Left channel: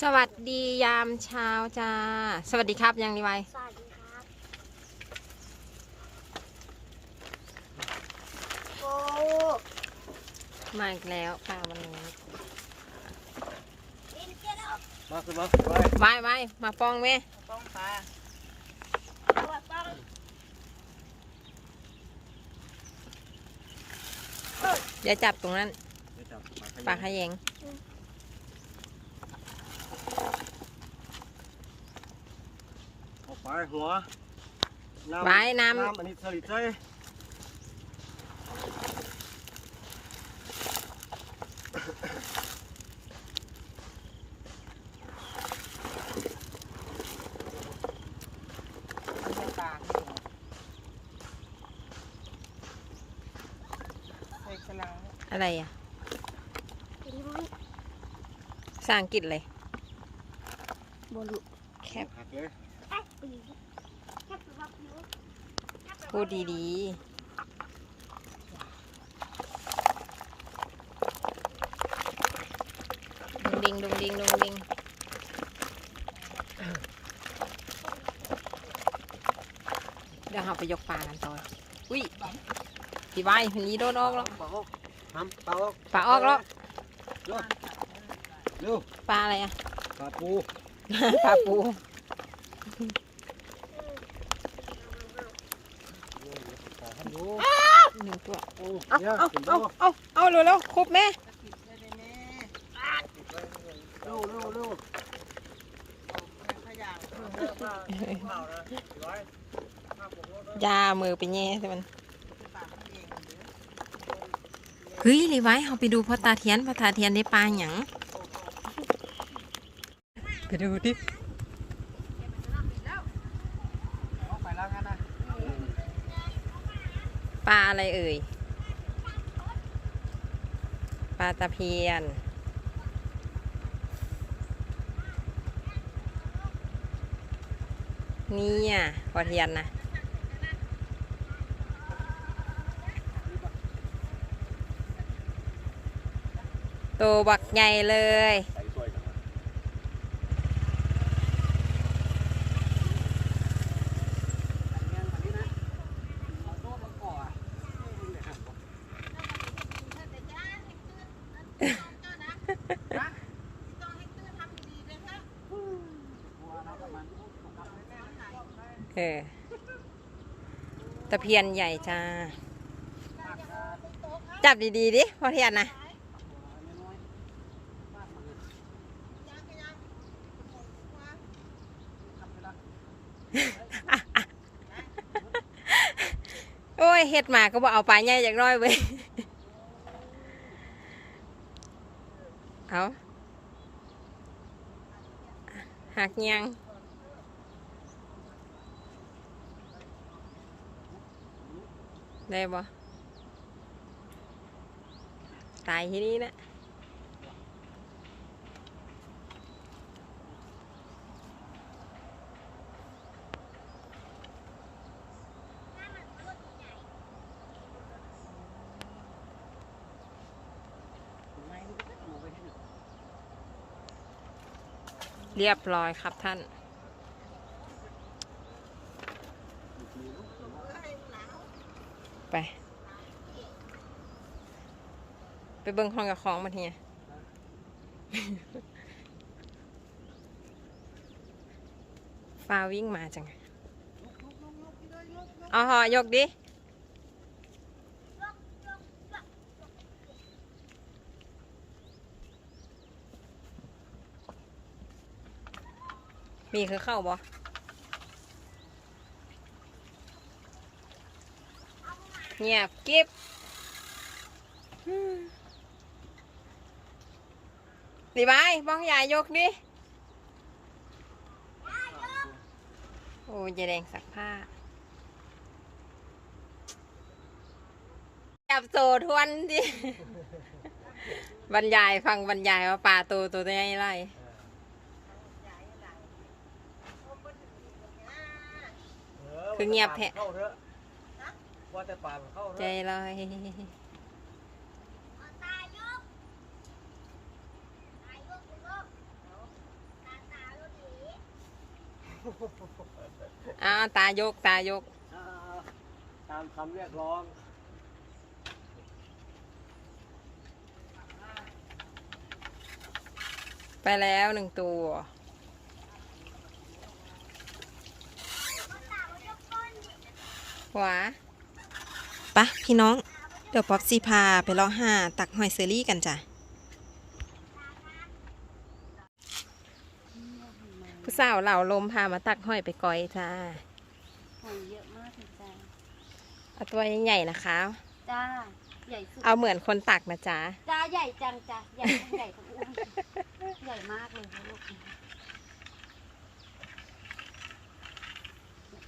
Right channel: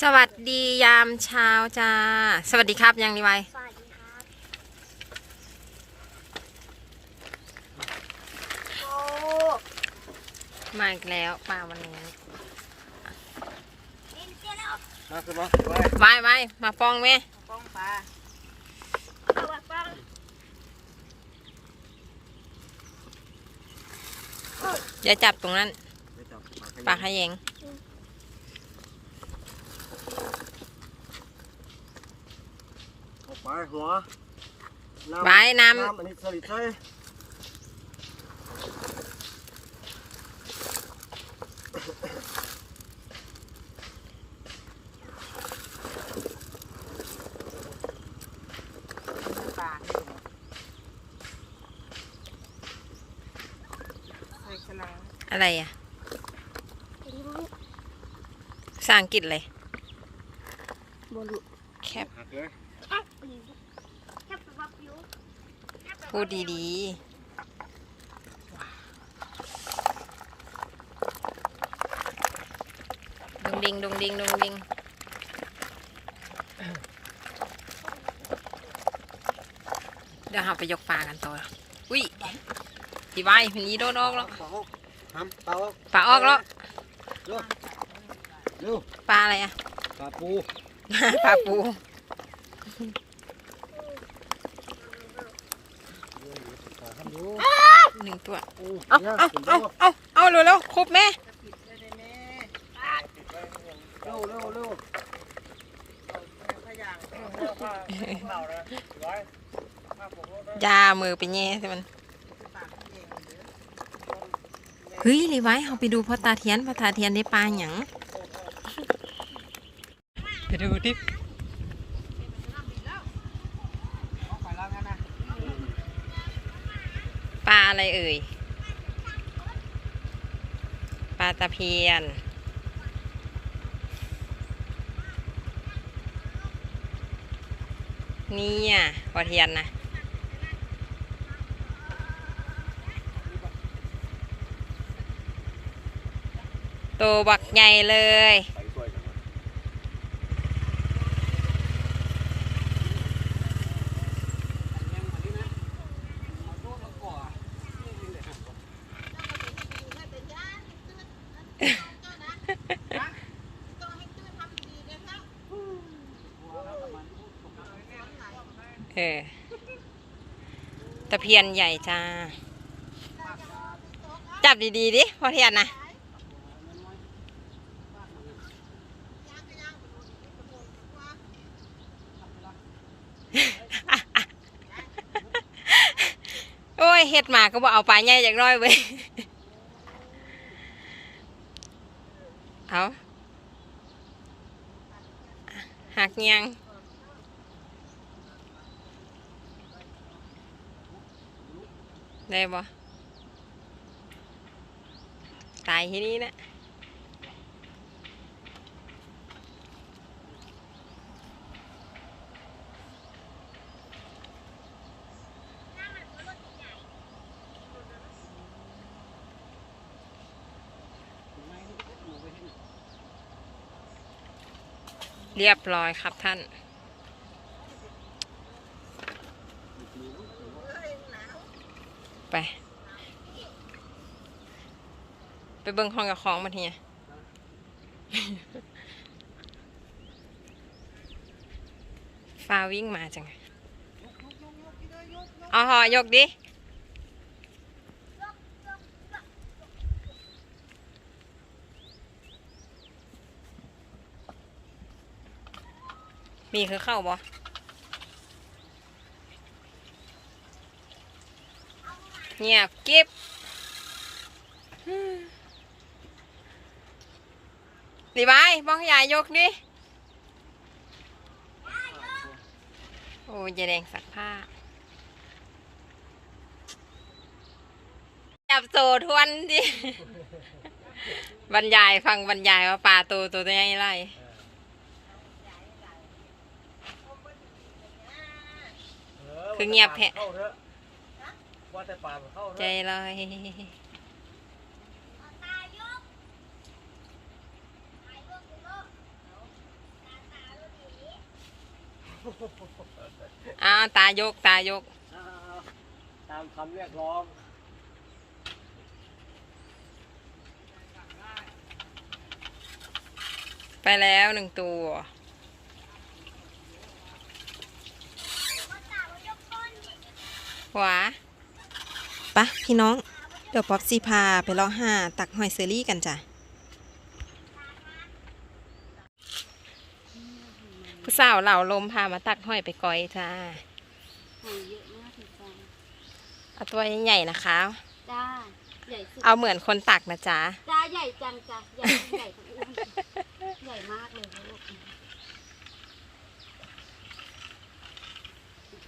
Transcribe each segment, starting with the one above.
สวัสดียามเช้าจ้า สวัสดีครับยังรีไวสวัสดีครับโอ้มาอีกแล้วป้าวันนี้ดินเจ๊แล้วมาขึ้นมาไปไว้ไว้มาป้องแม่ป้องปลาตัวฟังอย่าจับตรงนั้นไปจับปลาขยงเอา ไปหัวไว้น้น้ำอันนี้สลิดใช่ไม่ปลาใส่กระลังำอะไรอะลิ้นภาษาอังกฤษเลยบลูแคปหักเลยแค่ปีแค่ปีว่าผิว พูดดีๆดงดิงดงดิงดงดิงเดี๋ยวเราไปยกปลากันต่อ อุ้ยดีไว้มันนี้โดนออกแล้วปลาออกทำปลาออกปลาออกแล้วเร็วเร็วปลาอะไรอะปลาปู ปลาปู ปลาทำดู หนึ่งตัวโอ้เอาเนี่ยเอาขึ้นเอาเร็วเอาเอาเร็วเร็วครบแม่เร็วเร็วเร็วขยางยามือไปแง่ใช่มันเฮ้ยรีไว้เอาไปดูพ่อตาเทียนพ่อตาเทียนได้ปลาหยังไปดูดิ ออกไปแล้วงั้นนะ ปลาอะไรเอ่ย ปลาตะเพียน นี่อะพ่อเทียนนะโตบักใหญ่เลย ใส่สวยจังวะ อันยังมานี่นะเอาโดดมาก่อนี่นี่เลยครับบัวอะไรกับมันถูกไหม เออ ตะเพียนใหญ่จ้า จับดีๆดิพ่อเทียนนะน้ยนนะโอ้ยเฮ็ดหมาก็บอกเอาปลาใหญ่จากน้อยเว้ยเอาหักยัง ได้บ่ตายที่นี่นะเรียบร้อยครับท่าน ไปไปเบิ่งห้องกับของมาทีเนี่ยฟาวิ่งมาจังไงเอาหอยกดิมีคือเข้าบ่ เงียบกิ๊บอืมดีไหมบ้องยายยกดิ โอ้ยายแดงสักผ้า จับโซทวนดิ บรรยายฟังบรรยายว่าปลาตัวตัวใหญ่ไรคือเงียบแท้เข้าเถอะ ว่าแต่ปลามันเข้าเถใจอะลอยตายยกตายยกยกอ้าวตายกตายกอ่าตามคำเรียกร้องไปแล้วหนึ่งตัว หวา ปะพี่น้อง เดี๋ยวป๊อปซีพาไปเลาะหาตักหอยเซอรี่กันจ้ะผู้สาวเหล่าลมพามาตักหอยไปก้อยจ้าหอยเยอะมากเลยจ้าเอาตัวใหญ่ๆนะคะ จ้าใหญ่สุดเอาเหมือนคนตักนะจ๊ะจ้าใหญ่จังจ้าใหญ่ทั้งใหญ่ทั้งอ้วนใหญ่มากเลยนะลูก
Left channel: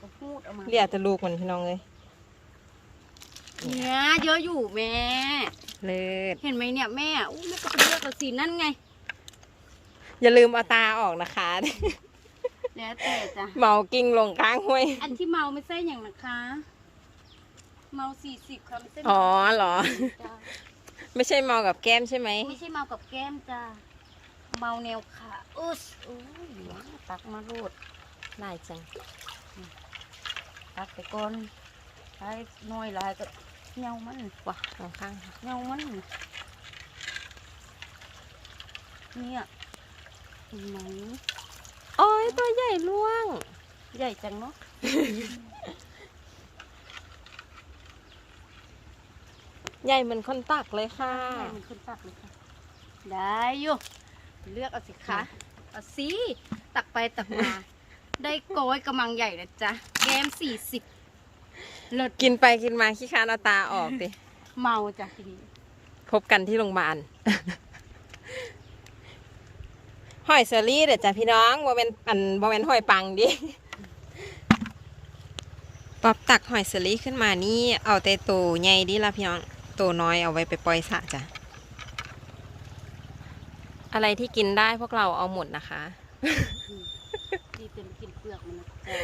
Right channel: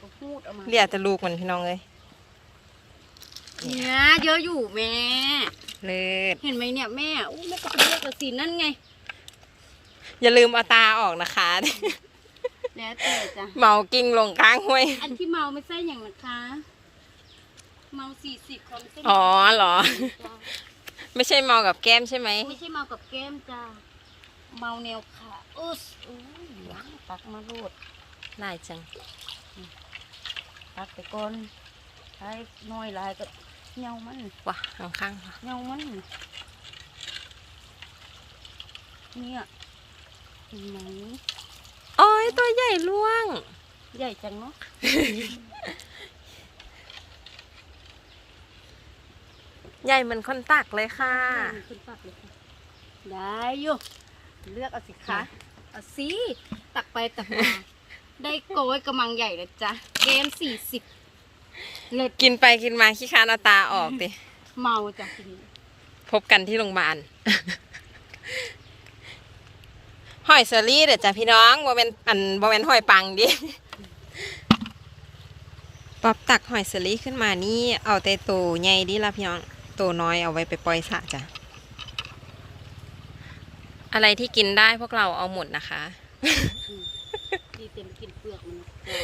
ก็พูดออกมาเรียกจะลูกมันพี่น้องเลย เนี่ยเยอะอยู่แม่ เลิศเห็นไหมเนี่ยแม่อู้แม่ก็ไปเลือกกับสีนั่นไง อย่าลืมเอาตาออกนะคะ แล้วแต่จ้ะ เมากิ้งลงข้างห้วย อันที่เมาไม่ใช่อย่างนะคะ เมาสี่สิบค่ะไม่ใช่อ๋อเหรอ จ้ะไม่ใช่เมากับแก้มใช่ไหม ไม่ใช่เมากับแก้มจ้าเมาแนวขาอุ๊สอุ้ยตักมาโลดได้จัง ตักไปก่อนใช้น้อยหลายก็ เหงามันว้าข้างข้างเหงามันเนี่ยเห็นไหมโอ้ยตัวใหญ่ล่วง ใหญ่จังเนาะใหญ่เหมือนคนตักเลยค่ะใหญ่เหมือนคนปักเลยค่ะ ได้อยู่ เลือกเอาสิคะเอาสิตักไปตักมา ได้โกยกำมังใหญ่เลยจ้ะแกมสี่สิบ เลิศกินไปกินมาขี้คานเอาตาออกดิ เมาจ้ะทีนี้พบกันที่โรงพยาบาลหอยเซอรี่เดี๋ยวจ้ะพี่น้องบ่เป็นอันบ่เป็นหอยปังดิ ป๊อบตักหอยเซอรี่ขึ้นมานี่เอาแต่ตัวใหญ่ดิละพี่น้องตัวน้อยเอาไว้ไปปล่อยสระจ้ะ อะไรที่กินได้พวกเราเอาหมดนะคะ ดีเต็มกินเปลือกมันนะจ๊ะ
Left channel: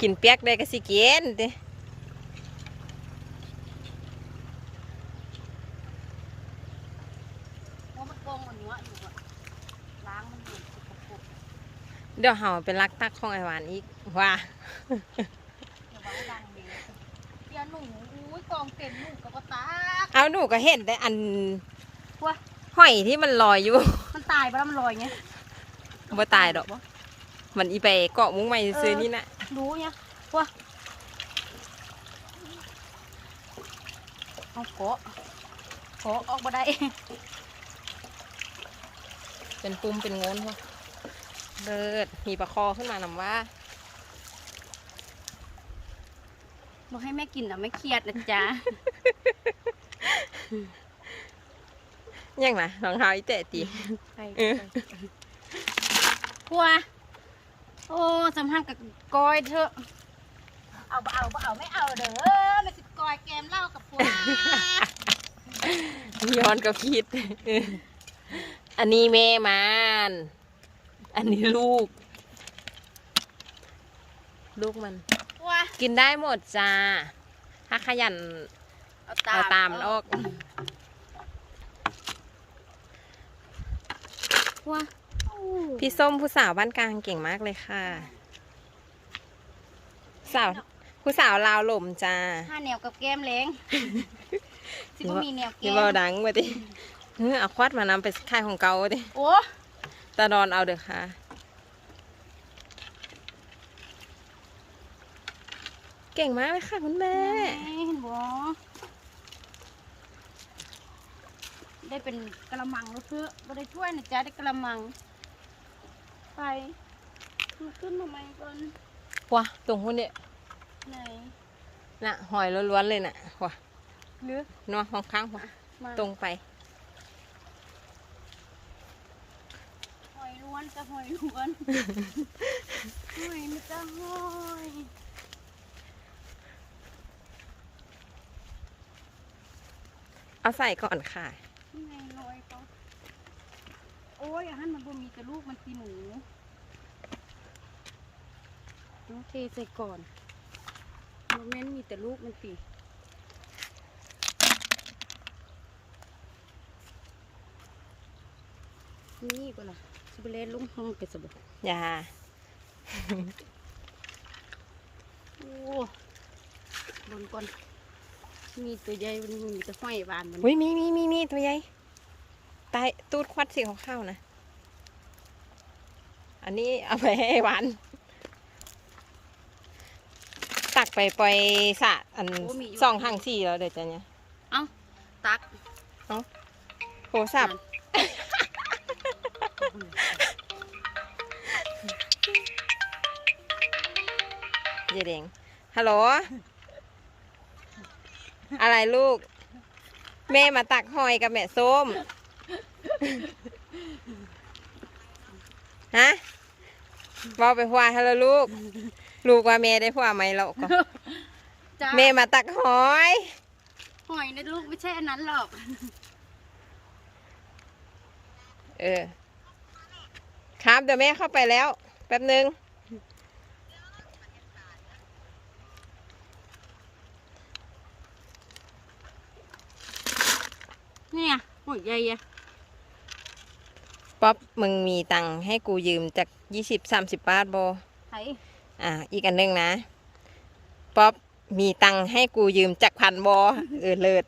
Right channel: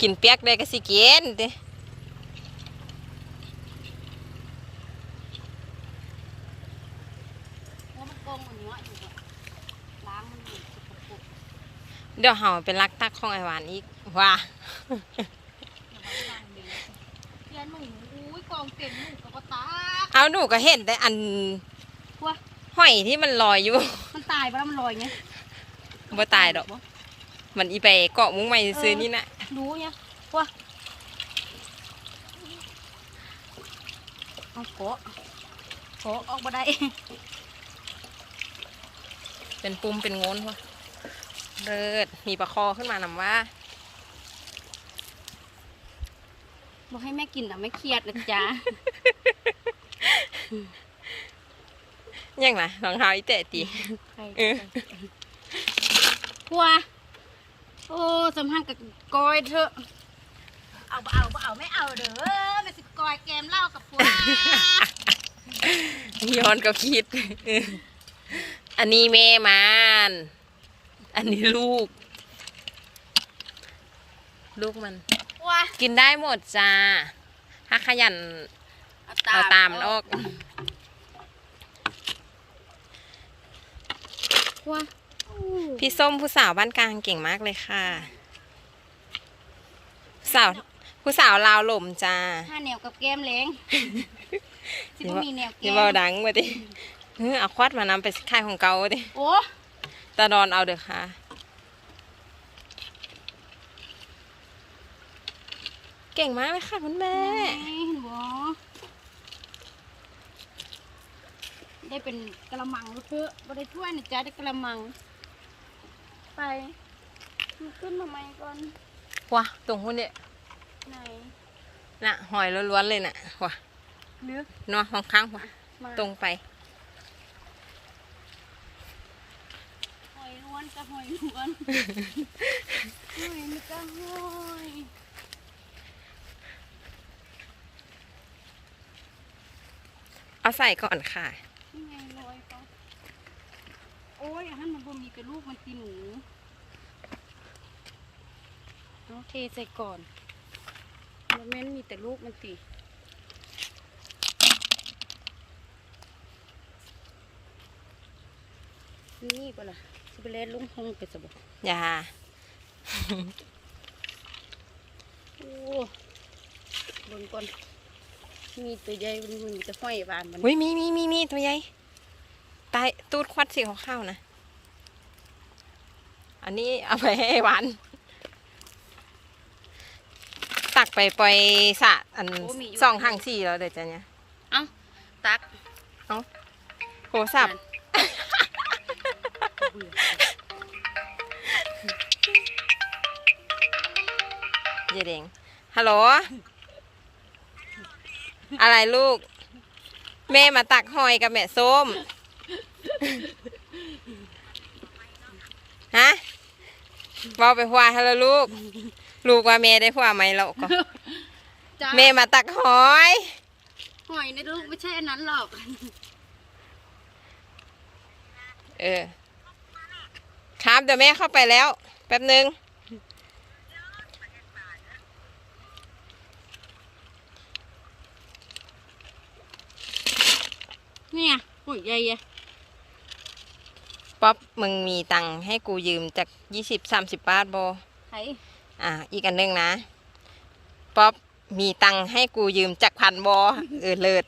กินเปียกได้ก็สิกินดิเพราะมันกองมันเนื้ออยู่อะล้างมันอยู่สกปรกเดี๋ยวเฮาเป็นลักตักของไอหวานอีกว่าอย่าไว้ล้างเองอย่าหนูอุ้ยกองเต็มหนูกับปะตากเอาหนูก็เห็นแต่อันว้าหอยที่มันลอยอยู่ มันตายไปแล้วมันลอยเงี้ยบ่ตายดอกมันอีไปเกาะมุ้งใหม่ซื้อนี่นะ รู้เงี้ยว้าเอาโกะโกะออกมาได้ เป็นปุ่มเป็นโงนพอเลิศมีปลาคอขึ้นมานำว่าบอกให้แม่กินแต่ไม่เครียดนะจ๊ะยังนะรองเท้าอีเตะตีใครเออพัว โอ้สำทังกับกอยเถอะ เอาบ่เอาบ่เอาไม่เอาเด้อไม่สิกอยแกมเหล้ากับพัวย้อนก็คิดเอออันนี้แม่มัน อันนี้ลูก ลูกมันพัวกินได้หมดจ้า ถ้าขยันเอาตามมันออกพัว พี่ส้มผู้สาวบ้านกลางเก่งมากเลยค่ะผู้สาวผู้สาวลาวหล่มจ้าห้าแนวกับแก้มเล้งสิบ่มีแนวแก้นี่มเบาดังมาดิเออเอาควัดมานำไปค่ายของเกาดิโอ้ตาดอนเอาเด้อค่ะเก่งมากเลยค่ะคุณแม่เห็นบ่ได้เป็นกระมังแล้วเพื่อบ่ได้ถ้วยนะจ๊ะได้กระมัง ไปมันขึ้นมาใหม่ก่อนว้าตรงหุ้นเนี่ยไหนน่ะหอยล้วนๆเลยน่ะว้าลึกเนาะข้างๆว้ามาตรงไป หอยล้วนจะหอยล้วนหอยนี่ก็หอยเอาใส่ก่อนค่ะ นี่ไงลอยเขา โอ้ยอันนั้นมันบ่มีกระลูกมันตีหนูโอเคใส่ก่อนโมเมนต์มีแต่ลูกมันตีนี่ก็ล่ะสิไปเล่นลุงห้องไปสบอย่าโอ้บนก่อนมีตัวใหญ่มันมีแต่ห้อยบานมัน อุ้ยมีมีมีมีตัวใหญ่ ตายตูดควัดสีขาวๆนะ อันนี้เอาไปให้หวาน ตักไปปล่อยสระอันสองหางสี่แล้วเดี๋ยวจะเนี่ยเอ้าตักโทรศัพท์เยเดงฮัลโหล อะไรลูก แม่มาตักหอยกับแม่ส้ม ฮะบอกไปหัวฮัลโหลลูก ลูกว่าแม่ได้หัวไหมเราก็จ้าแม่มาตักหอย หอยนะลูกไม่ใช่อันนั้นหรอก เออ ครับเดี๋ยวแม่เข้าไปแล้ว แป๊บนึงเนี่ยหอยใหญ่อะ ป๊อปมึงมีตังค์ให้กูยืมจากยี่สิบสามสิบบาทบอไผ่อะอีกอันหนึงนะ ป๊อปมีตังค์ให้กูยืมจากพันบอเออเลิศ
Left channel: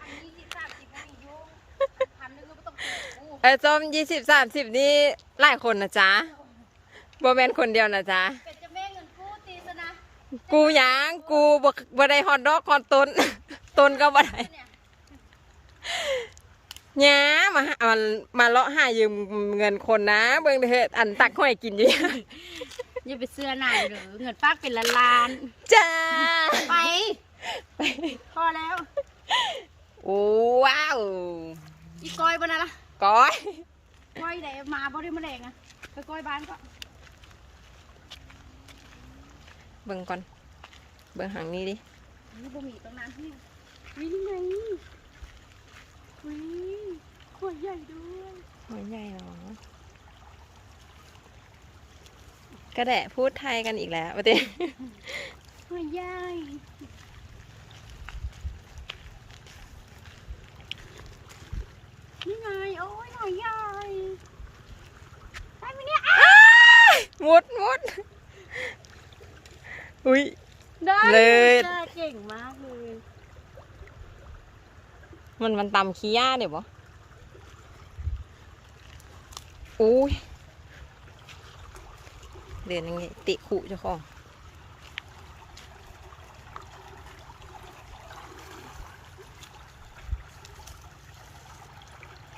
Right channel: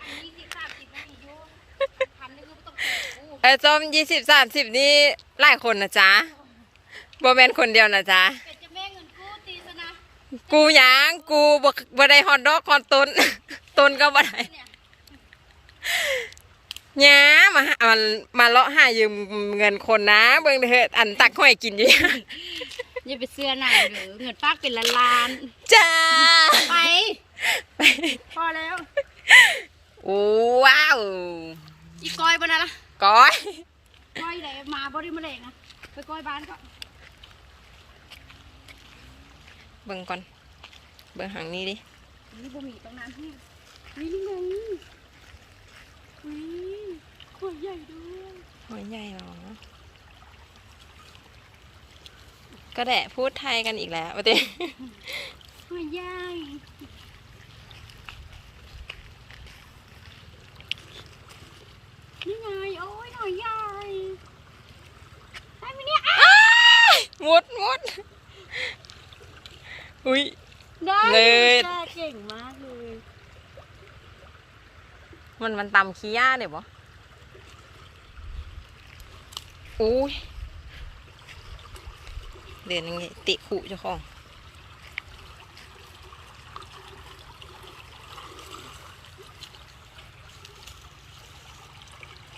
อันนี้สิสามสิบนาทีอยู่พันหนึงก็ไม่ต้องเสียกูเออส้มยี่สิบสามสิบนี่หลายคนนะจ๊ะบอแมนคนเดียวนะจ๊ะ เป็นจะแม่เงินกู้ตีซะนะกูหยังกูบ่บ่ได้ฮอตดอกฮอตต้น ต้นก็บ่ได้ เนี่ยห ยามาหามันมาเลาะหายืมเงินคนนะ เบิ่งเถอะอันตักห้อยกินอยู่อย่าไปเสื้อหนายหรือเงินปากเป็นล้านล้านจ้าๆไปไปพอแล้วโอ้ว้าวอีกอยบนนั้นละก้อยก้อยไหนมาบ่ได้มาแรงนะไปก้อยบ้านก็เบิ่งก่อน เบิ่งหางนี้ดินี่บ่มีตรงนั้นที่นี่ไงอุ้ ยขวดใหญ่ด้วยหอยใหญ่เหรอ ก็แดะพูดไทยกันอีกแล้วประเด็นขวดใหญ่นี่ไงโอ้ยหน่อยใหญ่ได้ไหมเนี่ยอ้าวมุดมุดอุ้ยได้เลิศจ้าเก่งมากเลยมันมันตำขี้ย่าเดี๋ยวบ่ อุ้ยเดินยังไงติขู่เจ้าของ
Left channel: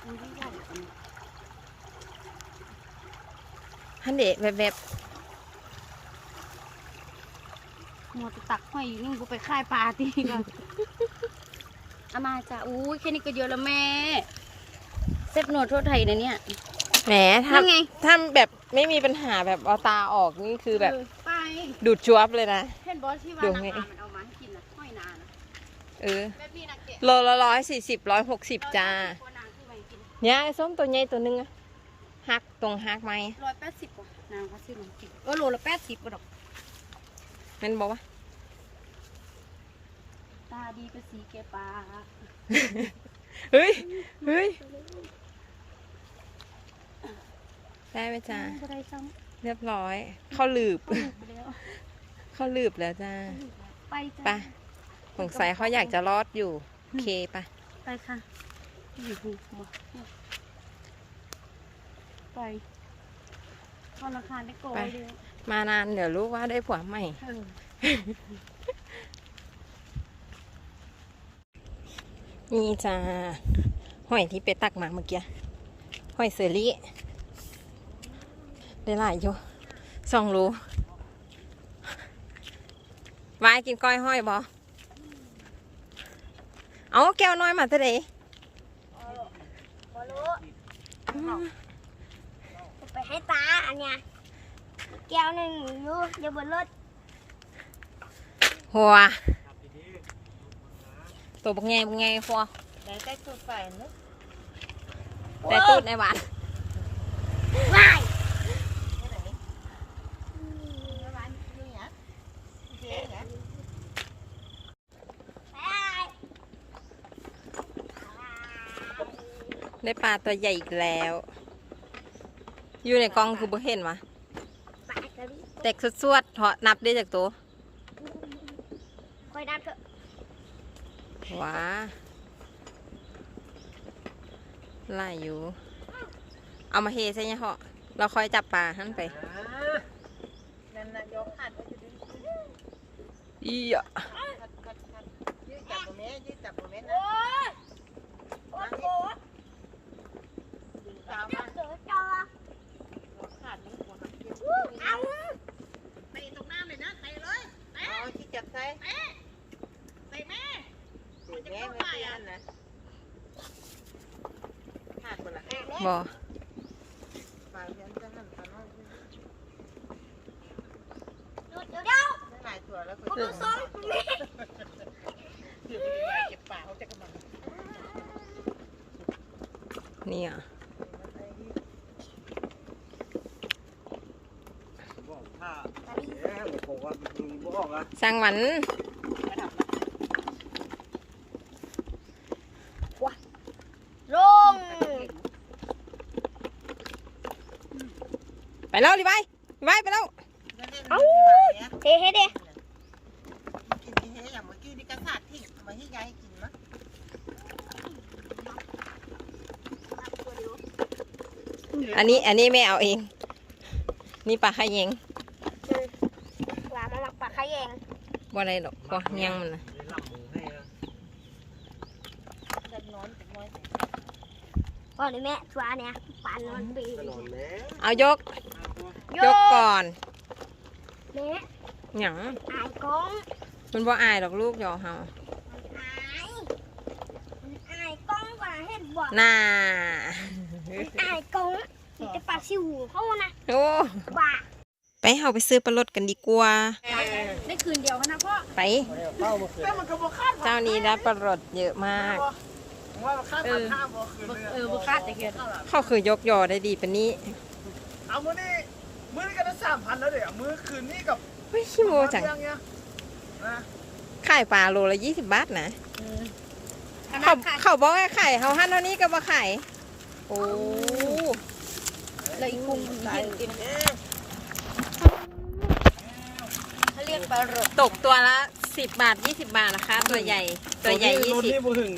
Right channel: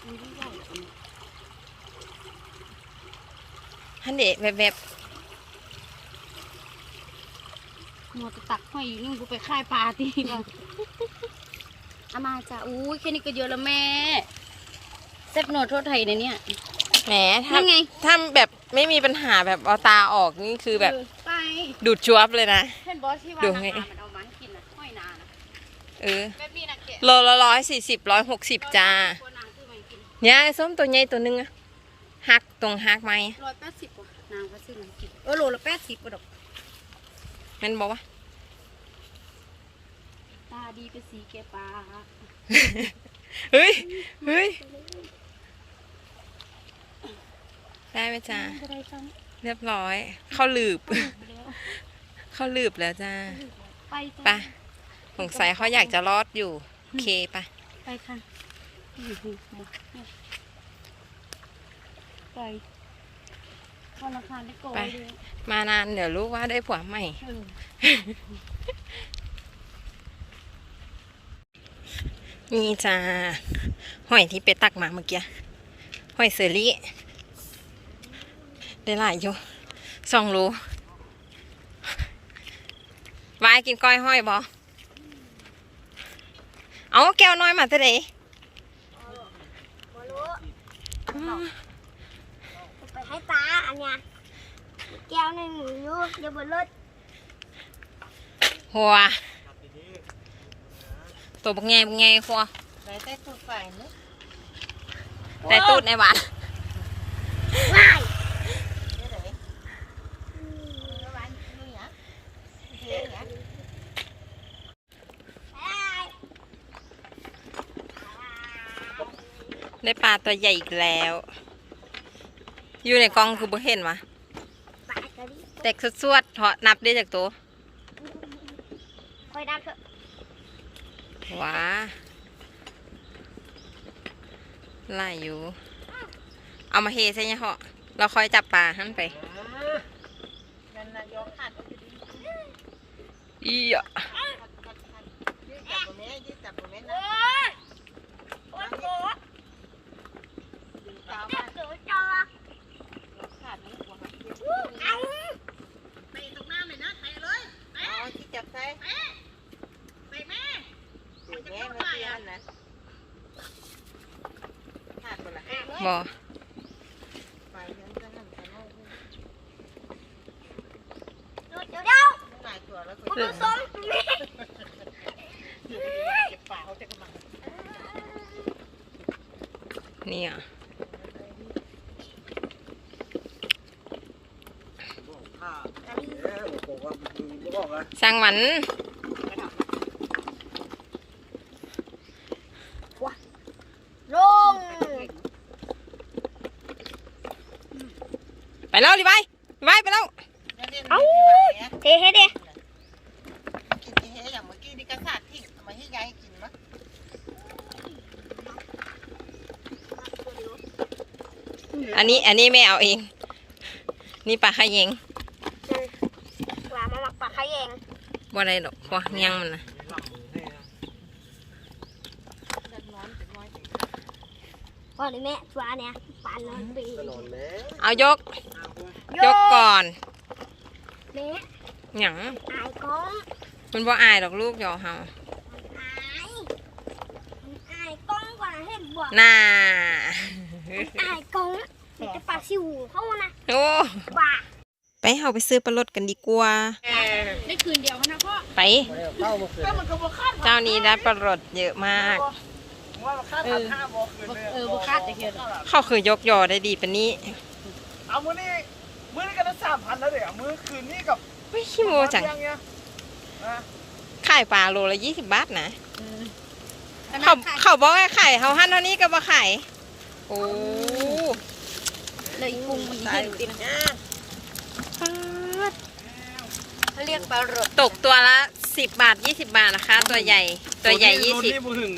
อันนี้ใหญ่กว่านี้ฮันเดะแบบแบบมัวแต่ตักหอยอยู่นี่กูไปค่ายปลาทีก่อนเอามาจ้ะอุ้ยแค่นี้ก็เยอะแล้วแม่เซ็ตโนวดโทษไทยนะเนี่ย แหมถ้านี่ไง ถ้าแบบไม่มีปัญหาแบบเอาตาออกนี่คือแบบเออไปดูดจวบเลยนะเห็นบอสที่ว่าดูนาไงนามันเอามาให้กินนะหอยนานเออแบบนี้นะแกะโลละร้อยสี่สิบร้อยหกสิบจ้าตัวนางคือมันกินเนี่ยไอ้ส้มตัวใหญ่ตัวหนึงอะหักตรงหักไหมร้อยแปดสิบกว่านางก็ซื้อมันกินเออโลละแปดสิบก็ดอกมันบอกว่า ตาดีเป็นสีแกปลาเฮ้ยเฮ้ย ได้ไหมจ้าอะไรซ้เรียบร้อย เข้าหลืบำไปแล้วเข้าหลืบแล้วจ้าไปจ้ะไปสงสัยเขาอยากจะรอดอยู่ โอเคไปไปค่ะอยู่หูมาเนี่ยไปธนาคารได้โกยไปเลยมานานเดี๋ยวรู้ว่าได้ผัวใหม่ เออนี่จ้าหอยที่ไปตักมาเมื่อกี้หอยเซอรี่ ได้หลายอยู่สองรูวายกินก้อยห้อยบอเอาแก้วน้อยมาแต่ไหนไปให้ป้าอันเนี้ยแก้วหนึ่งอยู่อยู่บนรถหัวตัวบักไงบักไงหัวแล้วแต่ตัวไปเนอะแต่ตูดในหวาน ว้าย ได้ปลาตัวใหญ่อีกแล้ว อยู่ในกล่องคือบ่เห็นวะปากกระดิแตกสวดๆเถาะนับได้จากตัวคอยดับเถอะว้าไล่อยู่ เอามาเฮใช่ไหมเหาะเราคอยจับปลาหันไปอีอะโอ้ยโอ้ย โอ้ยเด็กเดี๋ยวเดี๋ยวคุณผู้ชมนี่นี่อะ บอกผ้าแล้วบอกว่ามึงบอกว่า สร้างหวันลง ไปแล้วดิไปดิไปไปแล้วเอ้าเทให้ดิกินที่เฮอย่างเมื่อกี้นี่ก็สาดทิ้งเอามาให้ยายกินมั้ยอันนี้อันนี้ไม่เอาเอง นี่ปลาขยง ปลามาหมักปลาขยง บ่ได้ดอกเพราะยังมันนะหลับมือให้นะจะนอนจะน้อยพ่อหรือแม่ปลาเนี่ยปลานอนปีตลอดแล้วเอายก ยกก่อนแม่หยังอายก้องมันบ่อายดอกลูกยอเฮาอายอายก้องกว่าเห็นบ่น่าอายก้องมันจะปลาซิวเขานะโอ้ว่าไปเฮาไปซื้อปลารสกันดีกว่าได้คื นเดียวนะพ่อไปเข้ามาคืนแล้วมันก็บ่คาดเจ้านี้ได้ปลารสเยอะมาก ว่ามันคาดหันห้าบ่คืนเลยเออบุคาดจะเกินเขาคือยกยอได้ดีปะนี้เอามื้อนี้มื้อนี้ก็ได้สามพันแล้วเดี๋ยวมื้อคืนนี้กับไม่ขี้โมจังเรื่องเนี้ยนะขายปลาโลละยี่สิบบาทนะเขาเขาบอกว่าขายเขาหั่นเท่านี้ก็บ่ขายโอ้เลยพุงอีเห็นจริง เขาเรียกปลารดตกตัวละสิบบาทยี่สิบบาทนะคะ ตัวใหญ่ตัวใหญ่ยี่รถสิบนี่บ่ถึง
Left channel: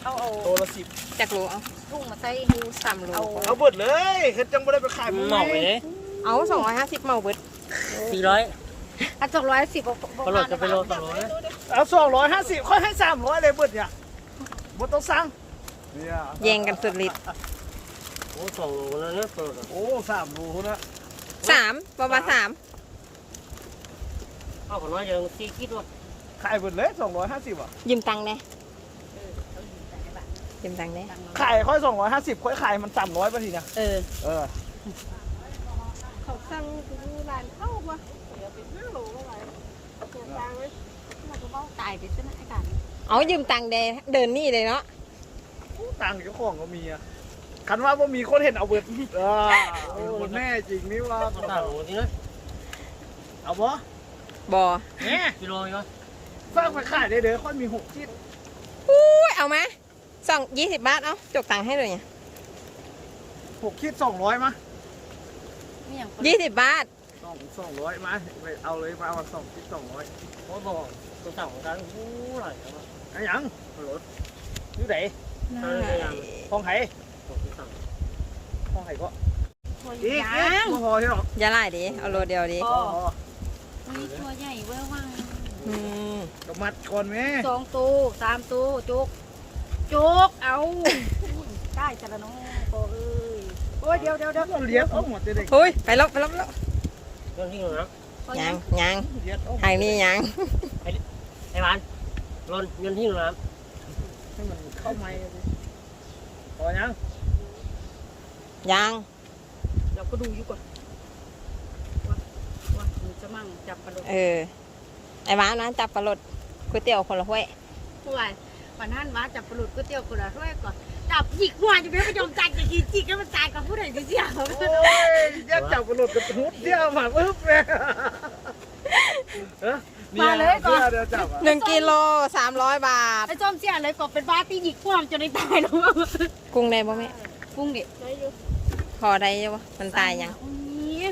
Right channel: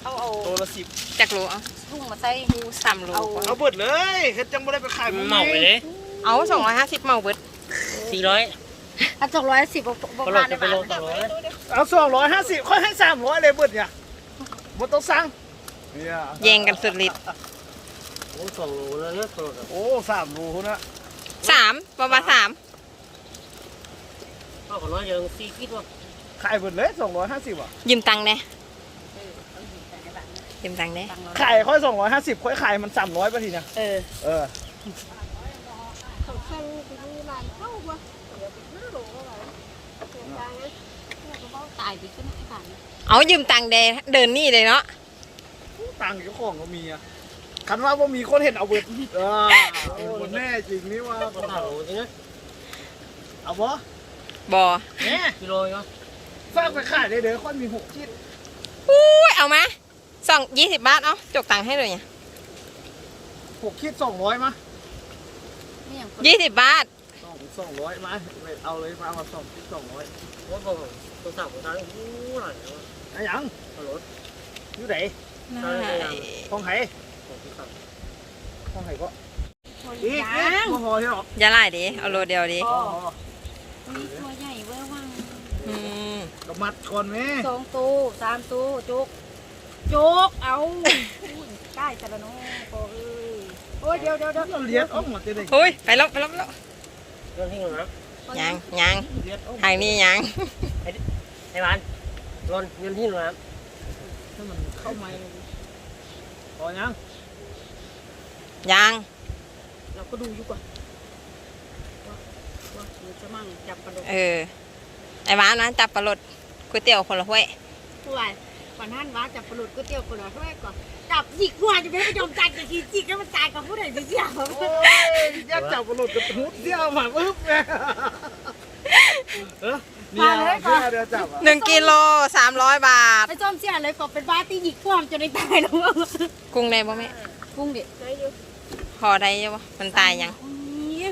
เขาเอาตัวละสิบจากโลเอาทุ่งมาใส่ดูสามโลกว่าเอาเบิดเลยเฮ็ดจังบ่ได้ไปขายเหมาไปเลยเอาสองร้อยห้าสิบเมาเบิดสี่ร้อยอันสองร้อยสิบบอกก็ลมาดได้ไปบ้าโลงสองร้อยเอาสองร้อยห้าสิบค่อยให้สามร้อยเลยเบิดเนี่ยบ่ต้องสั่งเนี่ยแย่งกันสุดฤทธิ์โอ้สองโลแล้วนะปลดโอ้สามรูนะสามประมาณสาม เอาของน้อยยังสี่คิดว่าขายเบิดเลยสองร้อยห้าสิบอะยืมตังค์แน่ยืมตังค์แน่ขายค่อยสองร้อยห้าสิบค่อยขายมันสามร้อยป่ะทีนะเออเออเขาสั่งไปดูร้านเข้าบ่เดี๋ยวไปซื้อโหลก็ไปเสียใจนะเราก็บอกตายไปซะนะไอ้กันเอายืมตังค์เดเดินนี่เลยเนาะตังค์เจ้าของก็มีอะคันว่าบ่มีคนเห็นเอาเบิดเออโอ้แม่จริงนี่ว่าสามโลจริงนะเอาบ่ บอแม่กิโลเนาะฝากไปขายได้เด้อค่อยมีหกชิ้นอุ้ยเอามาสองยี่สิบบาทเอาจกตังค์ให้เลยเนี่ยหกชิ้นสองร้อยมาไม่อย่างยี่สิบบาทสองสองร้อยมาไปเอาเลยมาเอาสองชิ้นสองร้อยโอ้บอกตัวสามของเขาโอ้หน่อยไอ้หยังปลดอยู่ไหนห้องไหของที่สามห้องไหก็คนอีกยาอีกงบ่พอที่หรอกอย่าไล่ดิเอาโลเดียวดิ พอตัวใหญ่เว้ยว่างอืมก็มัดก่อนแม่สองตู้สามตู้จุกจุกเอาได้จะละน้องโอ้ยโอ้ยเดี๋ยวเดี๋ยวเดี๋ยวเลี้ยงเอาหมดเลยเฮ้ยไปแล้วไปแล้วไปแล้วเรื่องที่หนึ่งนะยังยังเลี้ยงเอาทางนี้ยังไอ้บ้านลนเงินที่หนึ่งนะให้มันเข้าไม้พอยังยังเราก็ดูอยู่ก่อนว่าว่า มันจะมั่งจับปลาโดดเออ ไอ้บ้านนะจับปลารสก๋วยเตี๋ยวคนละถ้วยผู้ใหญ่วันนั้นว่าจับปลาโดดก๋วยเตี๋ยวคนละถ้วยก่อนจับจิกหัวจะไม่ยอมจ่ายจะกินจิกแล้วมันจ่ายกับผู้ใดจะเสียโอ้ยแยกจับกระโดดกระทุดเที่ยวหมากอึ๊บเลยเออมาเลยก่อนเดี๋ยวจับอะหนึ่งกิโลสามร้อยบาทไอ้จอมเสียเลยก่อนเป็นบ้าตีหยิกพวมจะไม่ตายแล้วกุ้งได้บ่แม่กุ้งเด็กได้อยู่พอได้ยังบ่มันตายยัง นี่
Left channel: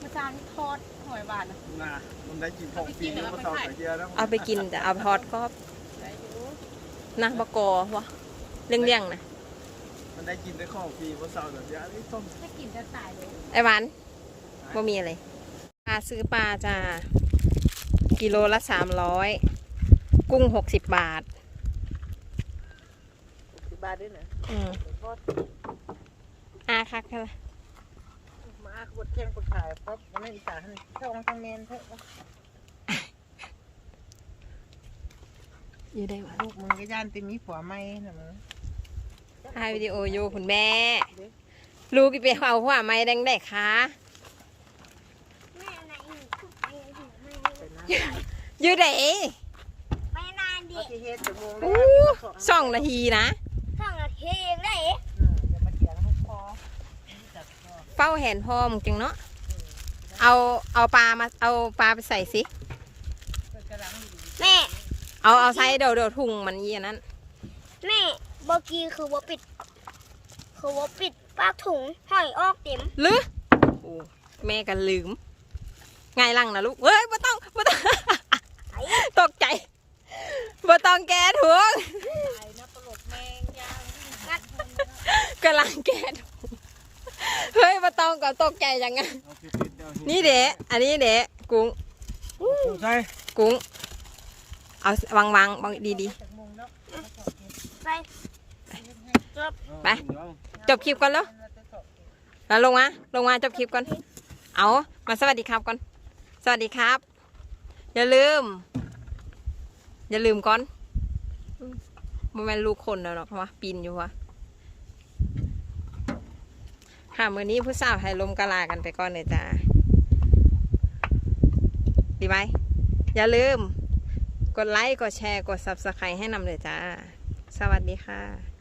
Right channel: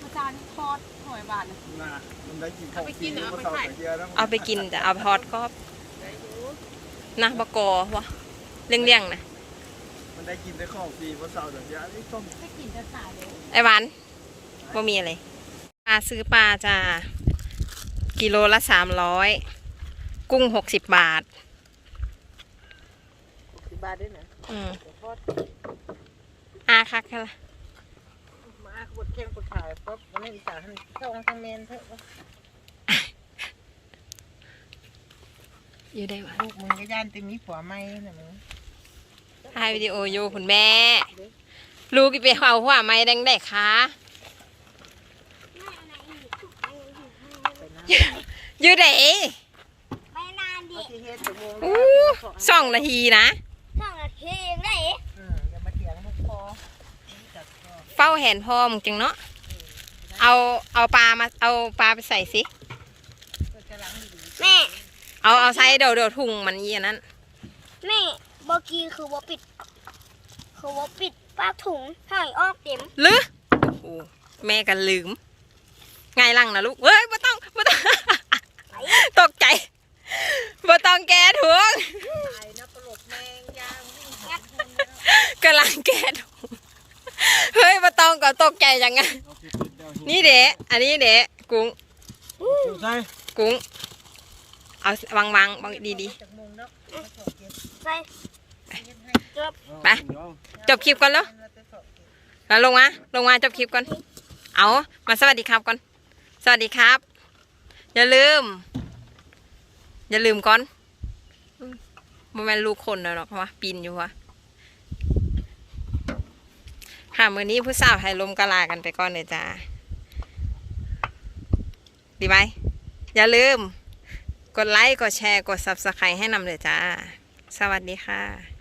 มาจานทอดหอย บาทนะน่ะมันได้กินของฟรีมาเศร้าแต่เฮียแล้วเอาไปกินจะเอาไปทอดกรอบนะบกอวะเลี่ยงๆนะมันได้กินได้ของฟรีมาเศร้าแต่เฮียนี่ต้องไม่กินจะตายเลยไอ้หวานบ่มีอะไรปลาซื้อปลาจ้ากิโลละสามร้อยกุ้งหกสิบบาทสิบบาทด้วยหนูอืมอาคักแค่ละมาขบวน เที่ยงคนถ่ายปั๊บมันไม่อีสานทั้งช่องทั้งเมนเถอะอยู่ได้หวะลูกมึงก็ย่านเต็มมีผัวไม่น่ะมึงถ่ายวิดีโออยู่คุณแม่ ลูกไปเอาหัวไม้แดงได้คะอยู่ไหนไม่นานดิเอาที่เฮ็ดถึงโมงอู้สองนาทีนะ สองนาทีเองได้ อืมอย่ามาเถียงให้พอ เฝ้าแหนพอมจังเนาะเอาเอาปลามาเอาปลาไปใส่สิแม่เอาเอาใส่เดี๋ยวเดี๋ยวถุงมันเยี่ยนั้นแม่เมื่อกี้คือว่าปิด คือว่าปิดป้าถุงให้ออกเต็มหรือโอ้แม่กันลืมไงลังนะลูกเฮ้ยไม่ต้องไม่ต้องตกใจไม่ต้องแก้ถุงไอ้นักตลกแมงยาวกำลังแก้ถุงเฮ้ยไม่ ต้องก็ตกใจจังไงนี่เดะอันนี้เดะกุ้งใช่กุ้ง เอาวางวางวางดีดีจากโมงเนาะไปๆไปจบคลิปก่อนแล้วแล้วลงมาลงมาจบคลิปก่อน เอามาสวัสดีครับก่อน สวัสดีครับ อย่าลืม อย่าลืมก่อนอืมบ่แม่นลูกคนแล้วหรอกเพราะว่าปีนอยู่วะ ค่ะมือนี้ผู้สาวให้ลมกะลากันไปก่อนเลยจ้าดีไหมอย่าลืม กดไลค์ กดแชร์ กด subscribe ให้นำเลยจ้า สวัสดีค่ะ